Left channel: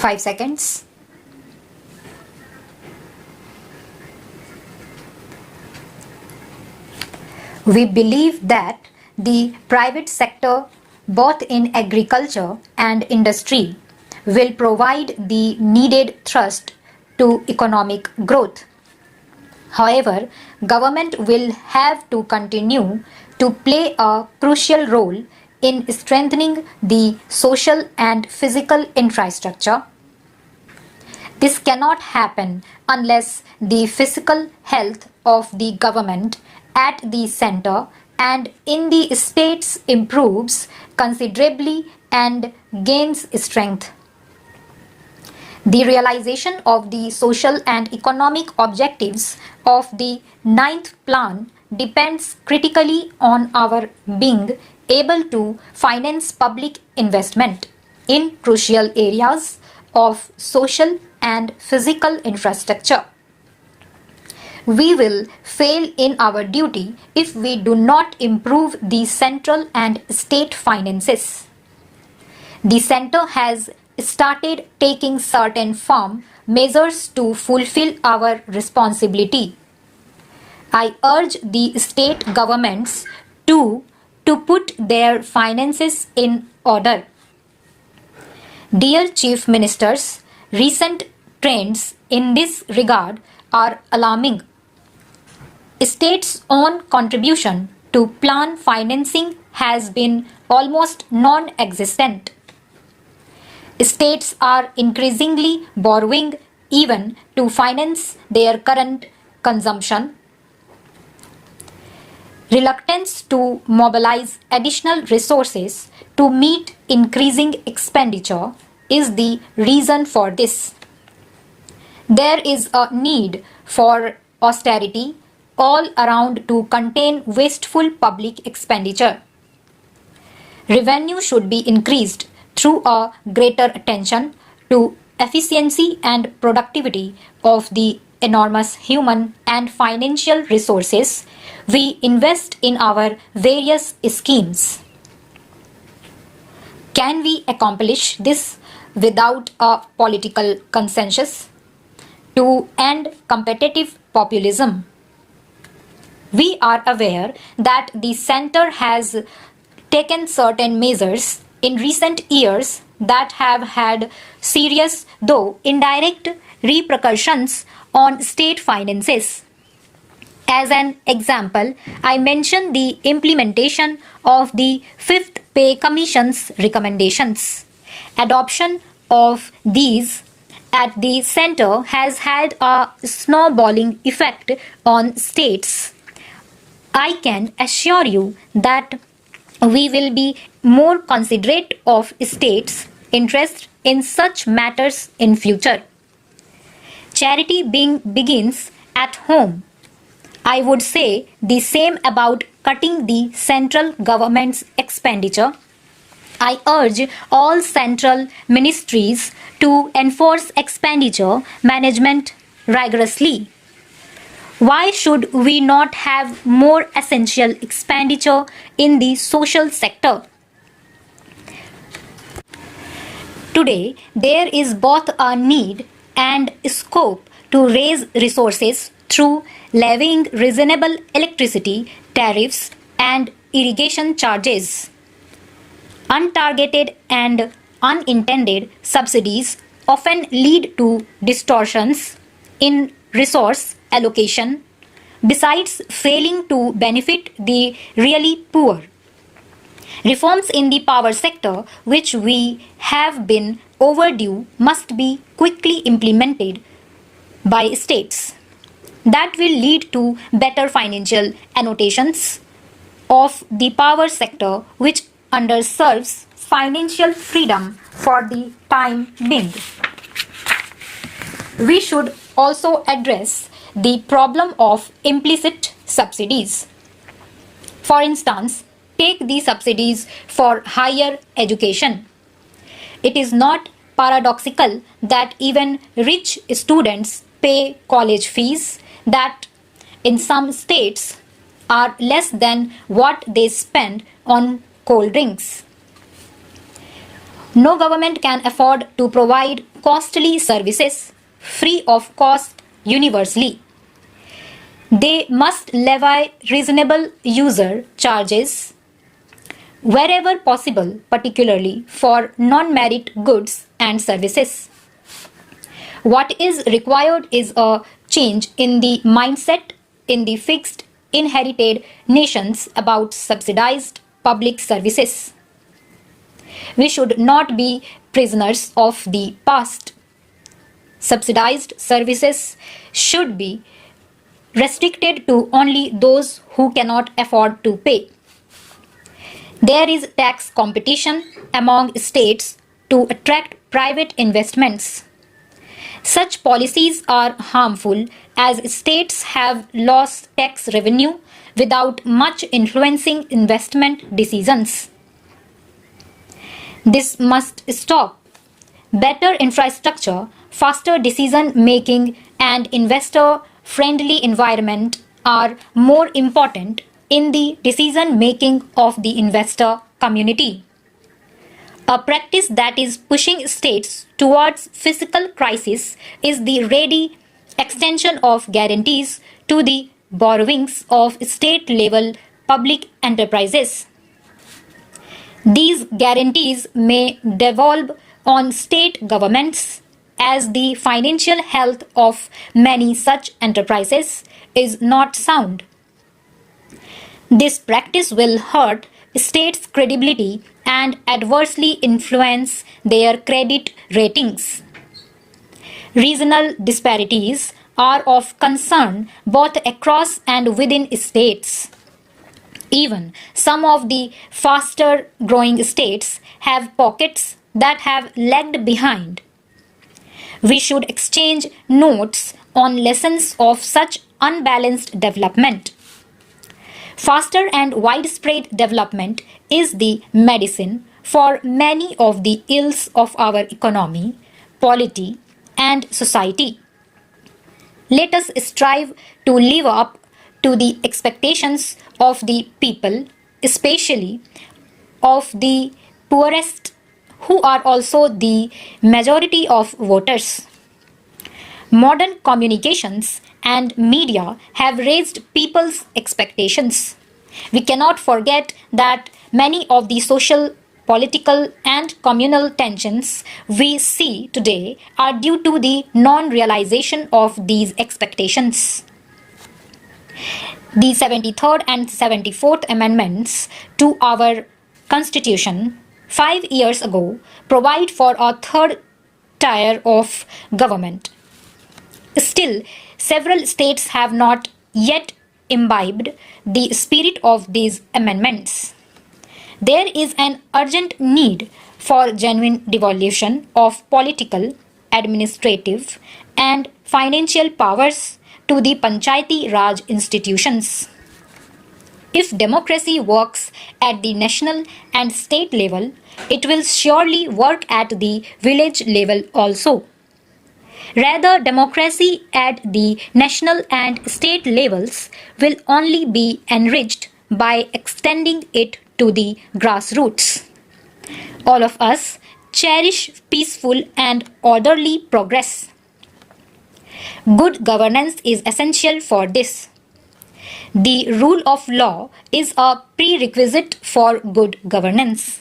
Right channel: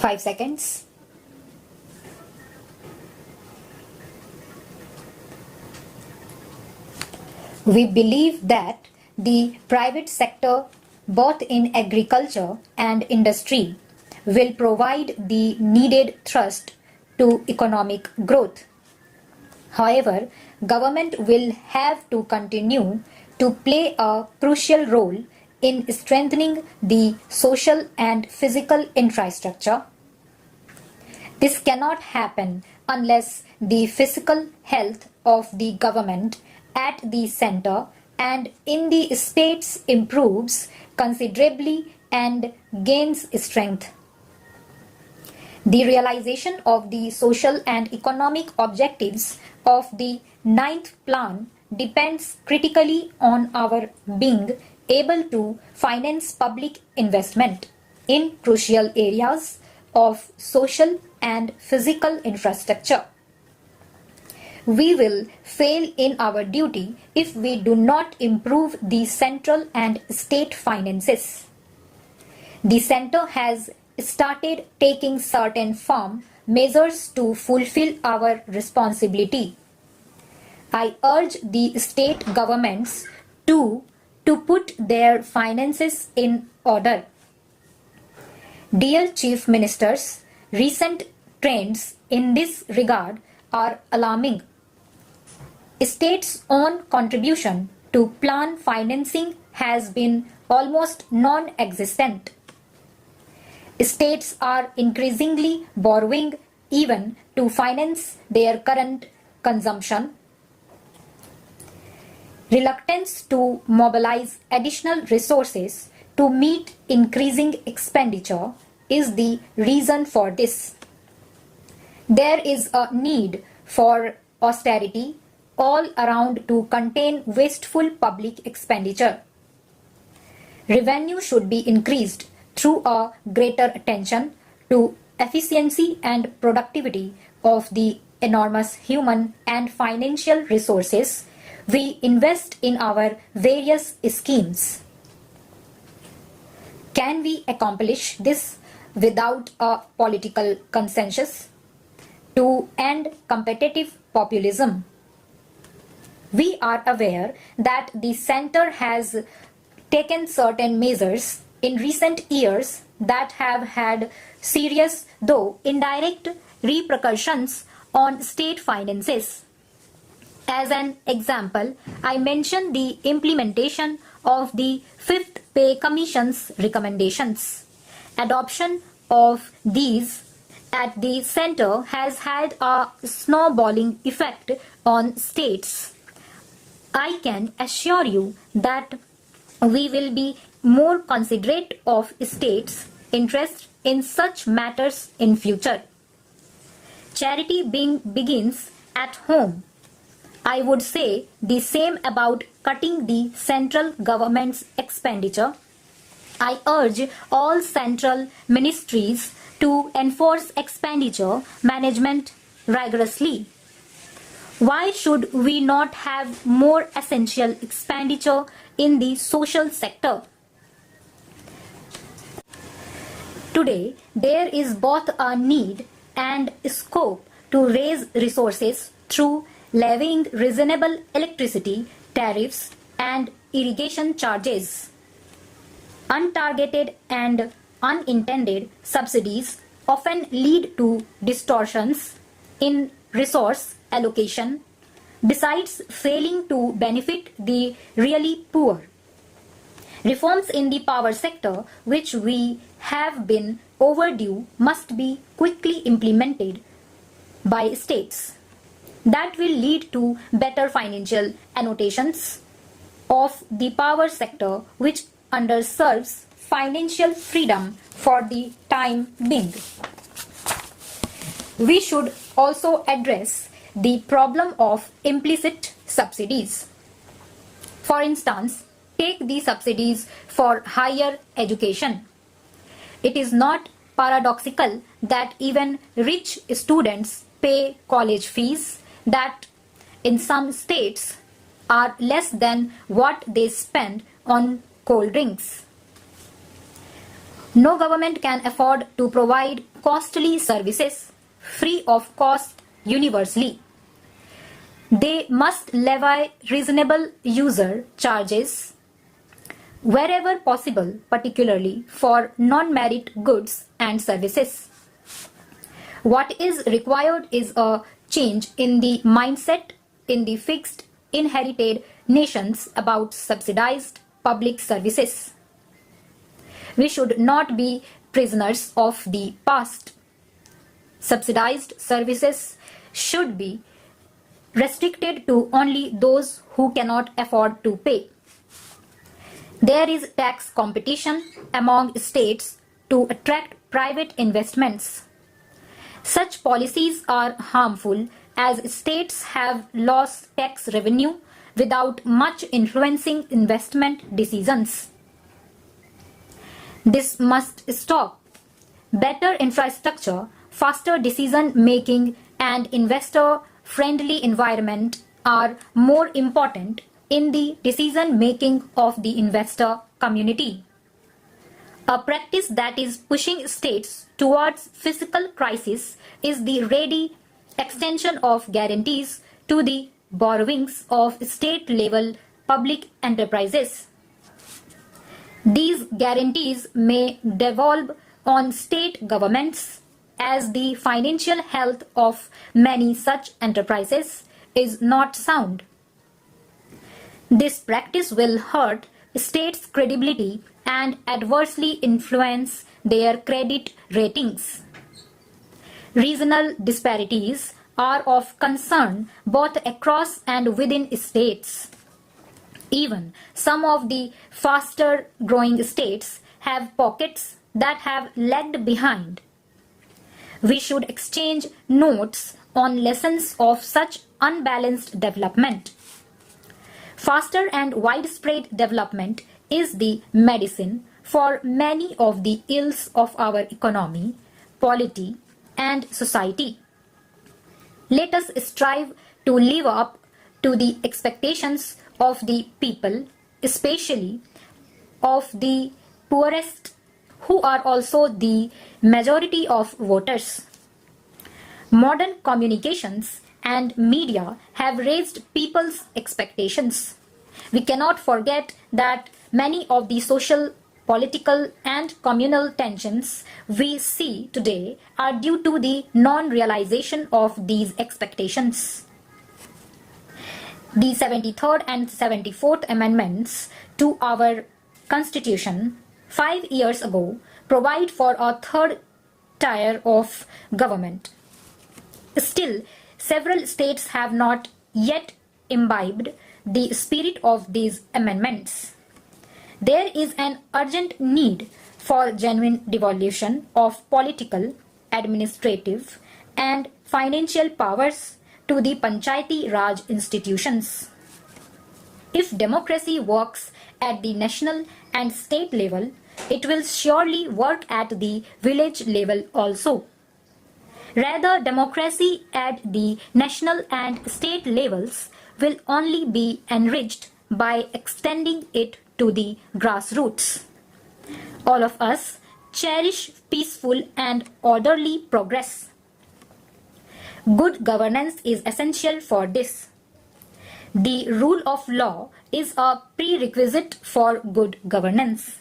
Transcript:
5 seconds. We believe that the private sector, both in agriculture and industry, will provide the needed thrust to economic growth. However, government will have to continue to play a crucial role in strengthening the social and physical infrastructure. This cannot happen unless the physical health of the government at the center and in the states improves considerably and gains strength. The realization of the social and economic objectives of the 9th plan depends critically on our being able to finance public investment in crucial areas of social and physical infrastructure. We will fail in our duty if we do not improve the central and state finances. The center has started taking certain firm measures to fulfill our responsibility. I urge the state governments to put their finances in order. Dear Chief Ministers, recent trends in this regard are alarming. States' own contribution to plan financing has been almost non-existent. States are increasingly borrowing even to finance their current consumption. Reluctance to mobilize additional resources to meet increasing expenditure is the reason for this. There is a need for austerity all around to contain wasteful public expenditure. Revenue should be increased through a greater attention to efficiency and productivity of the enormous human and financial resources we invest in our various schemes. Can we accomplish this without a political consensus to end competitive populism? We are aware that the center has taken certain measures in recent years that have had serious, though indirect, repercussions on state finances. As an example, I mention the implementation of the 5th Pay Commission's recommendations. Adoption of these at the center has had a snowballing effect on states. I can assure you that we will be more considerate of states' interest in such matters in future. Charity begins at home. I would say the same about cutting the central government's expenditure. I urge all central ministries to enforce expenditure management rigorously. Why should we not have more essential expenditure in the social sector? Today, there is both a need and scope to raise resources through levying reasonable electricity tariffs and irrigation charges. Untargeted and unintended subsidies often lead to distortions in resource allocation, besides failing to benefit the really poor. Reforms in the power sector, which we have been overdue, must be quickly implemented by states. That will lead to better financial annotations of the power sector, which underserves financial freedom for the time being. We should also address the problem of implicit subsidies. For instance, take the subsidies for higher education. It is not paradoxical that even rich students pay college fees that in some states are less than what they spend on cold drinks. No government can afford to provide costly services free of cost universally. They must levy reasonable user charges wherever possible, particularly for non-merit goods and services. What is required is a change in the mindset in the fixed, inherited nations about subsidized public services. We should not be prisoners of the past. Subsidized services should be restricted to only those who cannot afford to pay. There is tax competition among states to attract private investments. Such policies are harmful as states have lost tax revenue without much influencing investment decisions. This must stop. Better infrastructure, faster decision making, and investor friendly environment are more important in the decision making of the investor community. A practice that is pushing states towards fiscal crisis is the ready extension of guarantees to the borrowings of state-level public enterprises. These guarantees may devolve on state governments as the financial health of many such enterprises is not sound. This practice will hurt states' credibility and adversely influence their credit ratings. Regional disparities are of concern both across and within states. Even some of the faster growing states have pockets that have lagged behind. We should exchange notes on lessons of such unbalanced development. Faster and widespread development is the medicine for many of the ills of our economy, polity, and society. Let us strive to live up to the expectations of the people, especially of the poorest, who are also the majority of voters. Modern communications and media have raised people's expectations. We cannot forget that many of the social, political, and communal tensions we see today are due to the non-realization of these expectations. The 73rd and 74th Amendments to our Constitution 5 years ago provide for a third tier of government. Still, several states have not yet imbibed the spirit of these amendments. There is an urgent need for genuine devolution of political, administrative, and financial powers to the Panchayati Raj institutions. If democracy works at the national and state level, it will surely work at the village level also. Rather, democracy at the national and state levels will only be enriched by extending it to the grassroots. All of us cherish peaceful and orderly progress. Good governance is essential for this. The rule of law is a prerequisite for good governance.